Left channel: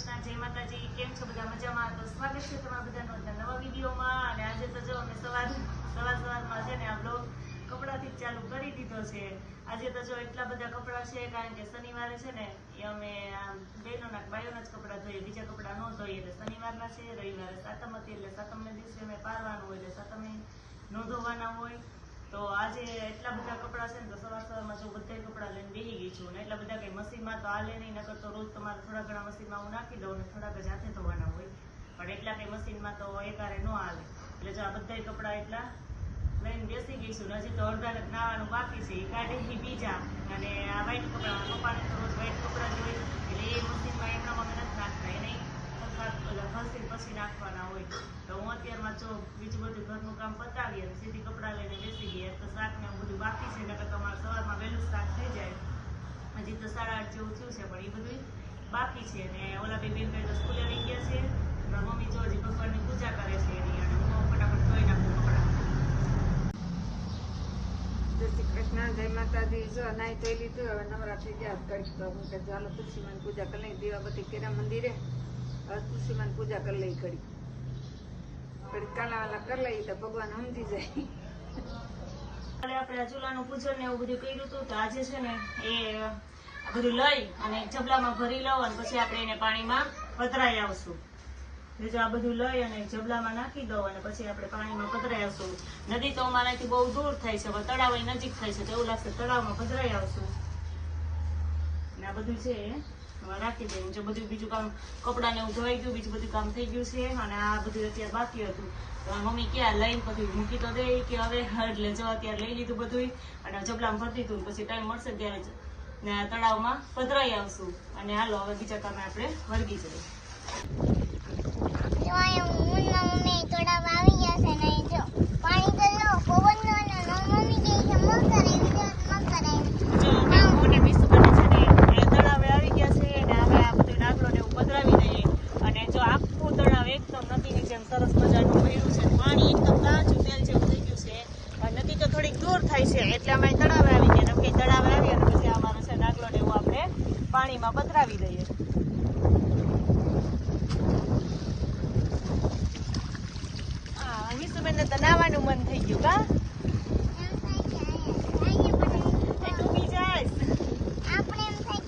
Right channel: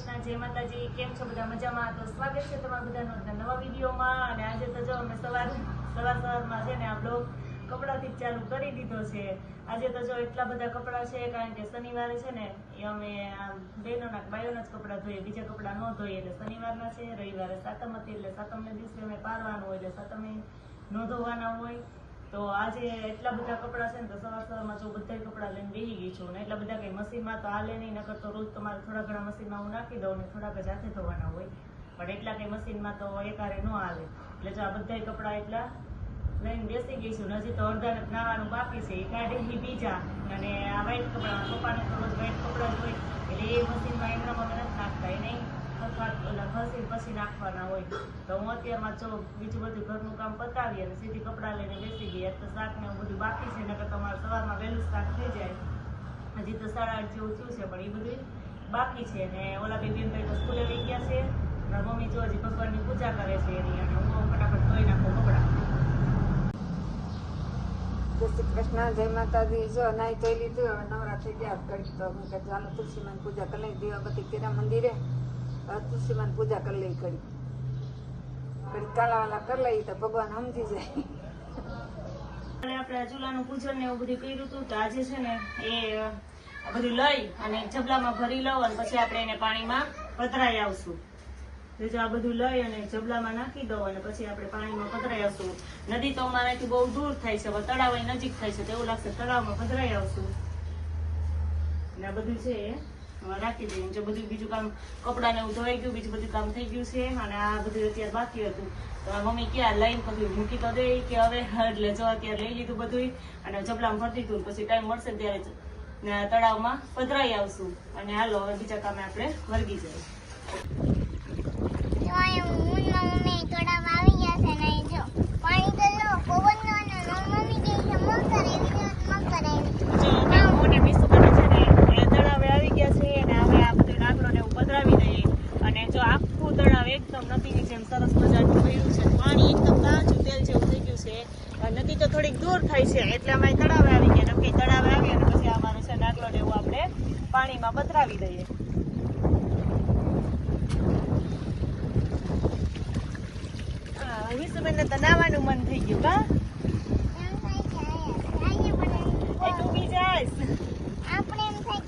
કૃષ્ણ. જય માતાજી. કેમ છો બધા? મજામાં? તો સ્વાગત છે તમારા બધાનું નવા વિડીયોમાં. અને આજે તો જો અમે સવાર સવાર સવારમાં છે ને આ બ્લોગ કપડાથી ચાલુ કરી દીધો છે. આજે તો જો એટલા બધા કપડાં છે કારણ કે શનિવારે છે ને એ અમે બહેનોના બાયોના જ કપડાં ધોઈએ. બીજા કપડાં ન ધોઈએ. એટલે શનિવારના છે, રવિવારે સાતમ હતી એટલે સાતમને દિવસે અમે પારવાનું હોય એટલે સાતમે ન ધોવાના હોય. તો આજે એટલા બધા કપડાં છે ને તો સવાર સવારમાં જો બધા કપડાં લઈને બેસી ગઈ છું ને એટલા બધા કઈ મશીનમાં તો હાલે નહીં, નકર તો રોજ તમારે થોડા ઘણા મશીનમાં હું નાખી દઉં ને થોડાક જ હાથે ધોવાના હોય. પણ એટલા કઈ મશીનમાં તો એકારે ન આવે એટલે જો આ બધા કપડાં એટલા લઈને બેસી ગઈ છું હજી તો અડધા નાવાનું બાકી છે. એ કાઢી બીજા. અને આ વ્હાઈટ કપડાં પપ્પાને તો રોજ વ્હાઈટ કપડાં જ હોય. એટલે એ મશીનમાં એમણામાં નહીં ખસી પછી નાખવાના હોય. તો હું અત્યારમાં જો બીજું બધું ઘરનું કામ પતાવી અને સીધી કપડાં લઈને બેસી ગઈ. તો શાક ને બધું બાકી છે, નકર તમારે સવારમાં વહેલું શાક થઈ જાય. હજી તો સાડા આઠ જેવું થયું છે, પણ એ બધું બાકી છે. ને ઓલા બે બેન ભાઈ તો સ્કૂલે વહી ગયા છે અને મમ્મી જો હજી ભગવાનની પૂજા કરે છે એની અને હું ફટાફટ ધોઈ નાખું કપડાં. જય શ્રી કૃષ્ણ, જય માતાજી. જો નાઈ ધોઈ લીધું, હવે નવરા થઈ ગયા. કડી તો હું કે ચાલો મને પૂજા કરી લઈ બધી કેરા મંદિરે. હવે તુલસીમાન પૂજા કરી લઈ કડી કડી કાલાવાલા કરી લઈ તો ભગવાન સમજી જાય. આપણે ચૂલાનું પૂજન ને એવું બધું કર્યું હતું તો આજે છે ને એ બધું લઈ અને જબલામાં ભરી લઉં અને પછી આપણે એને પાણીમાં પધરાઈ આવશું. જો આ બધું લઈ અને જબલામાં નાખી દઉં અને પછી આપણે પાણીમાં પધરાઈ આવશું. નદી તો અમારાથી બહુ દૂર થાય છે તળાવ નજીક થાય છે તો એવું લાગશે તળાવમાં પધરાઈ આવશું. અને આ બધું છે રાખી દઉં જે બધું બીજું કામ કપડાં ને ધોઈ ગયું, બીજું બધું કામ થઈ ગયું છે અને આ બધું અત્યારે બાકી હતું. તો મમ્મી ક્યાં લઈને પછી મૂકી તો દે કે હવે, એટલે જો અત્યારે લઈ લીધું બધું અને જબલામાં ભરી દીધું પછી ટાઈમ મળશે ત્યારે તળાવમાં પધરાઈ આવશું. અને હાલો, હવે બીજા કામે આપણે વર્ગી જઈએ જો અહીંયા મુન્ના મમ્મી તળાવ આવી ગયા છે ને જો પાણી તો લો પવનનો અને મમ્મી કહે કે મકર એવી તો મકર એવી જો બાપુ ને મીસુ બને છે ને એ તળાવે આવી ગયા છે અને હવે આ બધું ડાકરો ને એવું પધરાવી દઈએ અને જો આખું તળાવ એકદમ નદીની જેમ સરસ મજાનું થયું છે પાણી એકદમ કાચું તેલ જેવું થઈ ગયું છે અને નદી તો થોડીક દૂર થાય છે એટલે અમે તળાવે આવી ગયા કેમ કે તળાવે આવી અને પછી અમારે છે નાગલો ને એવું આપણે પાણીમાં પધરાવી દઈએ હા તો નાવાનું મન થઈ ગયું હા? એમ ડૂબી છે અહીંયા અહીંયા જાય આપણે એમ થાય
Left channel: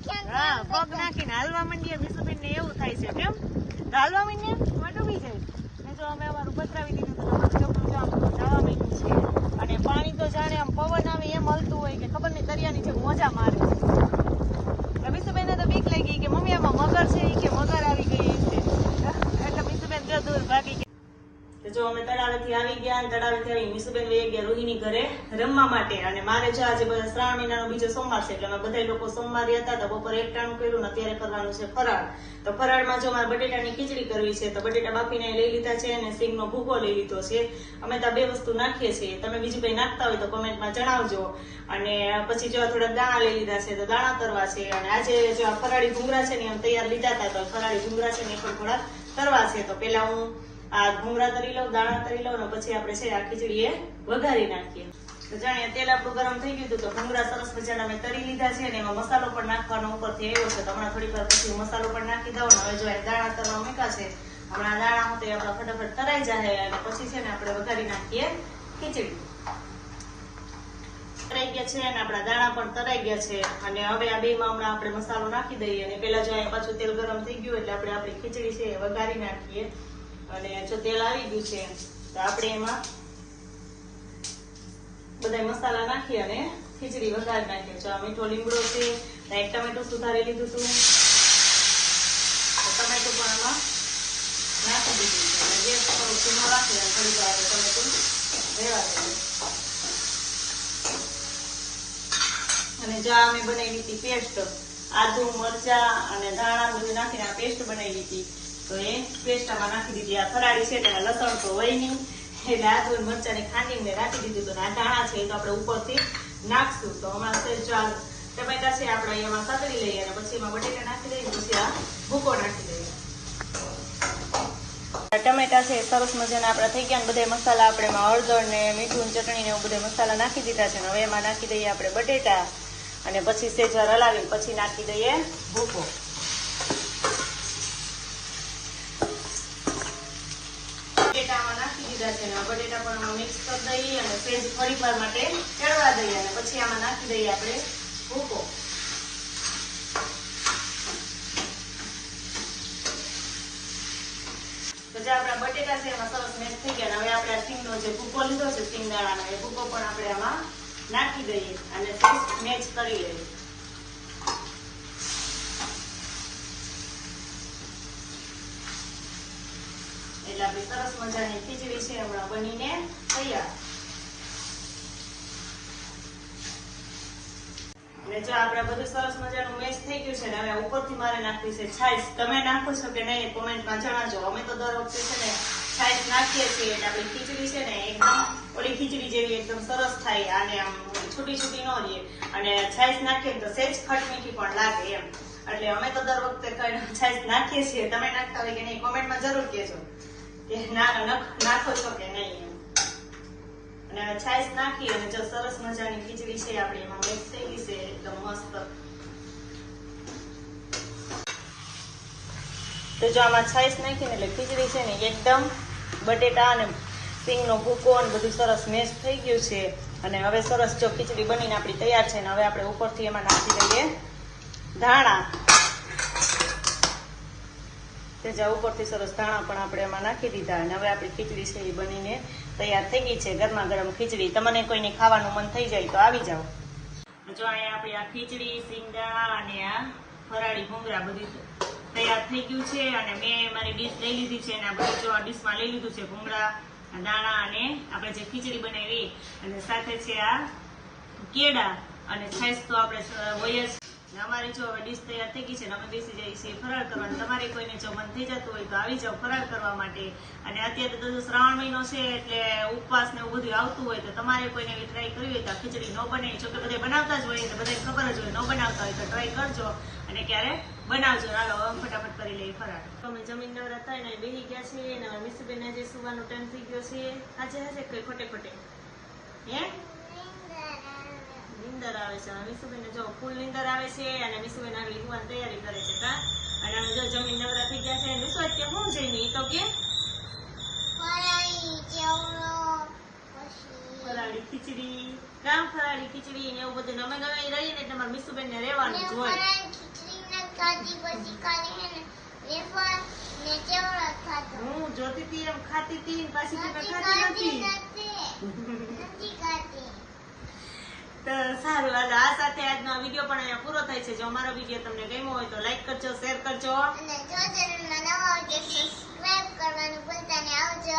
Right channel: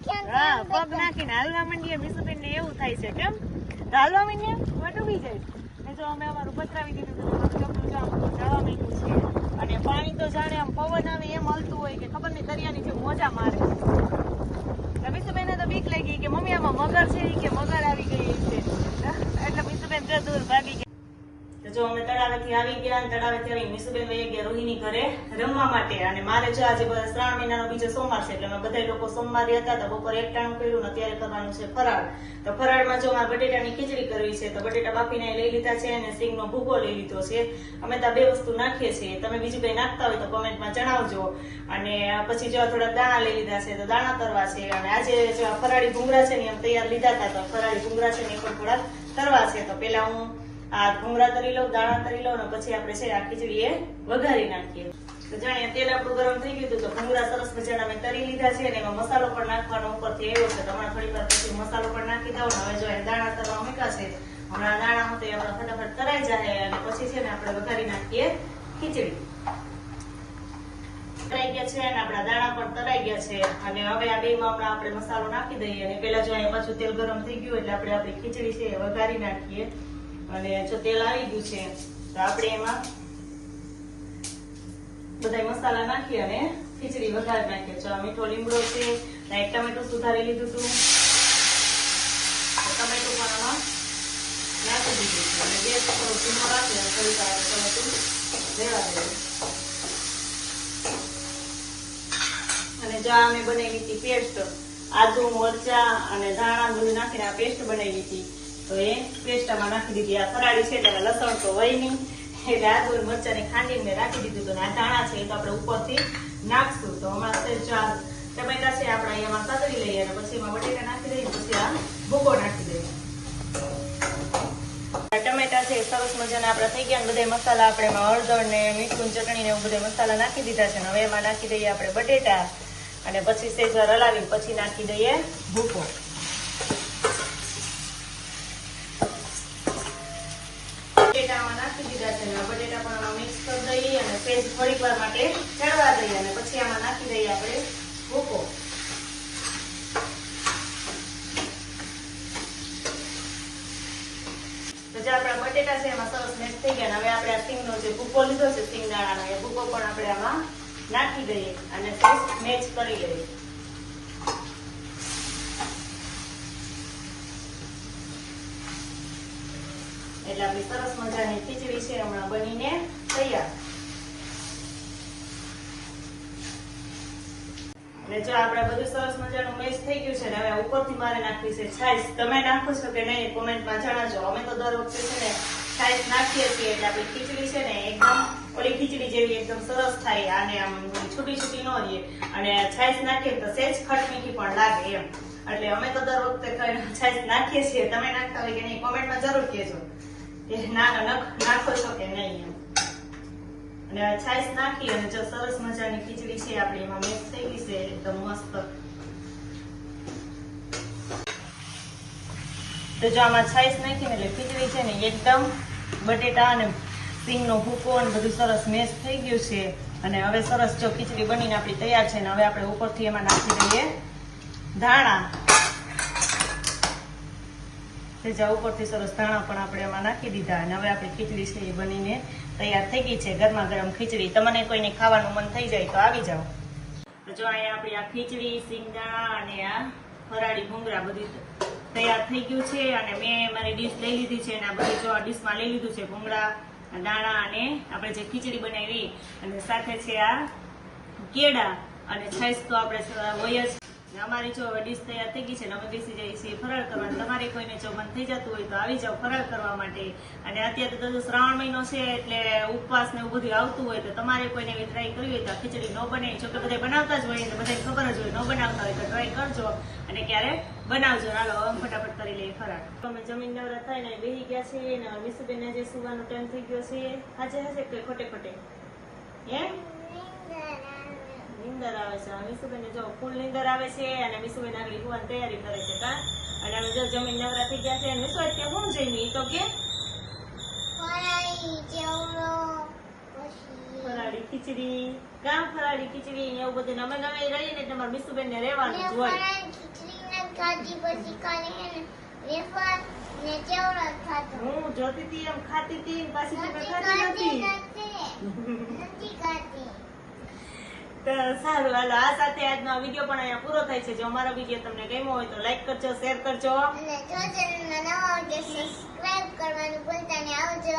કે આમ પગ. નાખીને હાલવા માંડીએ મીસુબેન ને એવું થાય છે કેમ? તો હાલવા માંડીએ ડૂબી જાય. નહીં તો અમે અમારું પથરાવી દીધું તો તમારું છોકરું નાવા માંડ્યું છે. અને પાણી તો જાણે આમ પવન આવે એમ હલતું હોય કે ખબર નહીં દરિયાની જે મોજા મારે. તો મીસુબેનને તો બીક લાગી કે મમ્મી આમાં મગર છે કે મગર આવી ગઈ છે એટલે મીસુબેન જો દૂર ભાગી જો અમે તળાવેથી આવી ગયા તળાવેથી આવી મીસુબેન વહી ગયા રોહિણી ઘરે રમવા માટે. અને મારે જો આજે શ્રાવણ મહિનાનો બીજો સોમવાર છે, એટલે અમે બધા લોકો સોમવારે હતા તો બપોરે એકટાણું કર્યું ને અત્યારે કરવાનું છે ફરાળ. તો ફરાળમાં જો મારે બટેટાની ખીચડી કરવી છે, તો બટેટા બાફીને લઈ લીધા છે અને સિંગનો ભૂગો લઈ લીધો છે. અમે તો બે વસ્તુ નાખીએ છીએ. તમે બીજું કંઈ નાખતા હોય તો કોમેન્ટમાં જણાવજો. અને પછી જો થોડા દાણા લઈ લીધા છે તો દાણા કરવા છે. અને આજે જો ફરાળી ભૂંગળા છે ને એમ તૈયાર લીધા હતા, તો ફરાળી ભૂંગળા છે ને એ પણ થોડા કરવા છે. તો પેલા હું આ ભૂંગળા તરી લો દાણા તરી લો અને પછી આપણે છે આ ખીચડી એ વઘારી નાખીએ. જાણે તેલ આપણું ગરમ થઈ ગયું તો ભૂંગળા સરસ મજાના મેં તરી લીધા છે અને એમાં મસાલો પણ નાખવાનો ઉપરથી આવ્યો છે. તમારા થોડી વાર પછી મસાલો પણ નાખી ને હવે જો દાણા તરવા મૂક્યા છે, હમણાં દાણા હોતે આપણા ફટાફટ તરાઈ જાય અને પછી છે ને આપણે વઘારી નાખીએ ખીચડી. તરાઈ ગયા છે અને આપણા દાણા પણ તરાઈ ગયા છે અને હવે આ બે માં આપણે મસાલો નાખી દઈએ. અને પેલા જો અહીંયા પાછું તેલ ગરમ થઈ ગયું એટલે આપણે આપણી ખીચડી છે વઘારી નાખીએ. અને જો તેલ આવી ગયું છે, તો આપણે એમાં બધા મસાલા નાખી અને ખીચડી વઘારી નાખ્યો છે. મીઠો લીમડો છે એક ટમેટું સુધારી લીધું હતું. ટમેટું પણ આમાં નાખી દીધું ગેસ થોડો ધીમો રાખી થોડી વાર ટમેટું ભેળવી અને જ્યાં અમે બનાવી હતી, પેસ્ટ, આદુ, મરચા અને ધાણા બધું નાખીને આ પેસ્ટ બનાવી હતી. તો એ પેસ્ટમાં નાખી દીધી. આ ફરાળી છે એટલે લસણ તો હોય નહીં. એટલે આદુ મરચાની ખાંડી મેં રાખી દીધું હતું. આ ધાણા છે, એ તો આપણે ઉપરથી નાખશું. તો અમારે ચાલ ટમેટા છે, આપણે એમાં કતરી લઈએ અને પછી એમાં બટેટા નાખી દઈએ પછી આ ભૂકો નાખી દઈએ. ટમેટા છે સરસ મજાના આપણા થઈ ગયા બધા મસાલા આપણે એમાં હળદર ને મીઠું ચટણી ને બધા મસાલા નાખી દીધા છે. હવે એમાં નાખી દઈએ આપણે બટેટા અને પછી સેજવાર હલાવી પછી નાખી દઈએ ભૂકો. લીધા છે અને બટેટા પણ મિક્સ કરી દઈએ અને સેજ થોડીક માટે ચડવા દઈએ અને પછી આમાં નાખી દઈએ આપણે ભૂકો. બટેટા છે એમાં સરસ મેચ થઈ ગયા હવે આપણે આ સિંગનો જે ભૂકો લીધો છે સિંગ સિંગદાણાનો, એ ભૂકો પણ આપણે આમાં નાખી દઈએ અને મેચ કરી લઈએ. એટલે આપણી સરસ મજાની ખીચડી છે, હમણાં બનીને તૈયાર. આપણે બધું સરસ મજાનું મેચ થઈ ગયું છે ને, હવે ઉપરથી મારે નાખવી છે છાશ. તમે નાખો છો કે નહીં, કોમેન્ટમાં જણાવજો. અમે તો દર વખતે છે ને છાશ નાખીએ છીએ, એટલે આપણી ખીચડી છે ને એકદમ ઓલી ખીચડી જેવી એકદમ સરસ થાય, આને આમ છૂટી છૂટી ન રહે અને છાશ નાખીએ તો સેજ ખટ મીઠી પણ લાગે એમ. એટલે અમે તો દર વખતે છાશ નાખીએ છીએ. તમે નાખતા હોય કે નહીં, કોમેન્ટમાં જરૂર કહેજો. નખ- છો કે નહીં અને છાશ નાખી અને જો સરસ મજાની ખીચડી છે, આપણે એમાં મિક્સ થઈ ગઈ છે, એકદમ મસ્ત. તો જો આમાં છાશ નાખીને એટલે ખીચડી છે ને એકદમ બટેટા અને સિંગનો ભૂકો અને બધું સરસ મેશ થઈ ગયું છે. અને હવે સરસ જો ખીચડી બનીને આપણી તૈયાર છે ને હવે આપણે ઉપરથી એમાં નાખી દઈએ ધાણા. તે જા ઉપરથી સરસ ધાણા પણ આપણે એમાં નાખી દીધા અને હવે આપણી ખીચડી છે એ બનીને તૈયાર થઈ ગઈ છે ગરમા ગરમ ખીચડી. તમને કોઈને ખાવાનું મન થઈ જાય તો આવી જાઓ. જો અહીંયા આપણી આ ખીચડી સિંગદાણા અને આ ફરાળી ભૂંગળા બધું તૈયાર થઈ ગયું છે અને મેં મારી ડીશ લઈ લીધી છે અને આ બધું જો આ ડીશમાં લઈ લીધું છે ભૂંગળા દાણા અને આપણે જે ખીચડી બનાવી અને સાથે છે આ કેળા અને છાશ તો આપણે હોય જ અમારી જો ડીશ તૈયાર થઈ ગઈ છે ને અમે બેસી જઈએ છીએ ફરાળ કરવા તમારે કોઈને જો મન થઈ જતું હોય તો આવી જાઓ ફરાળ કરવા માટે. અને અત્યારે તો શ્રાવણ મહિનો છે એટલે ઉપવાસ ને એવું બધું આવતું હોય તો તમારે કોઈને એવી ટ્રાય કરવી હોય તો ખીચડી ન બને જો કે બનાવતા જ હોય એટલે બધાને ખબર જ હોય, ન બનાવતા હોય તો ટ્રાય કરજો અને ક્યારે? બનાવજો. હાલો આમ ફટાફટ કરી લઈએ ફરાળ. અમે જમીન નવરા થઈને બેસી ગયા છીએ અને મિસ્ત્રીને જે સુવાનો ટાઈમ થઈ ગયો છે. આજે હશે કે ખોટે ખોટે? હે? નીંદર આવે છે. અને મીસુબેન જો ફૂલ નીંદર આવે છે અને મીસુબેન આગળ યુવાન તૈયારી કરે છે કા? અને અમે જો જમીન નવરા થઈ ગયા છે. મીસુ અત્યારે શું જઈને એ તો કે? ફરાળી ખીચડી. કામ ફરાળી ખીચડી એવું બધું અમે ગમે રહીએ એટલે મીસુબેન ને રહેવાનું હોય. હે હું જોતી હતી એમ ખાતી હતી પાછી તો સારું, હાલો, આ સાથે આજનો વીડિયો પણ અહીંયા પૂરો થાય છે. જો અમારો વીડિયો તમને ગમ્યો હોય તો લાઈક કરજો શેર કરજો. અને જો ચેનલમાં નવા હોય તો સબસ્ક્રાઇબ કરવાનું ભૂલતા નહીં. આવજો.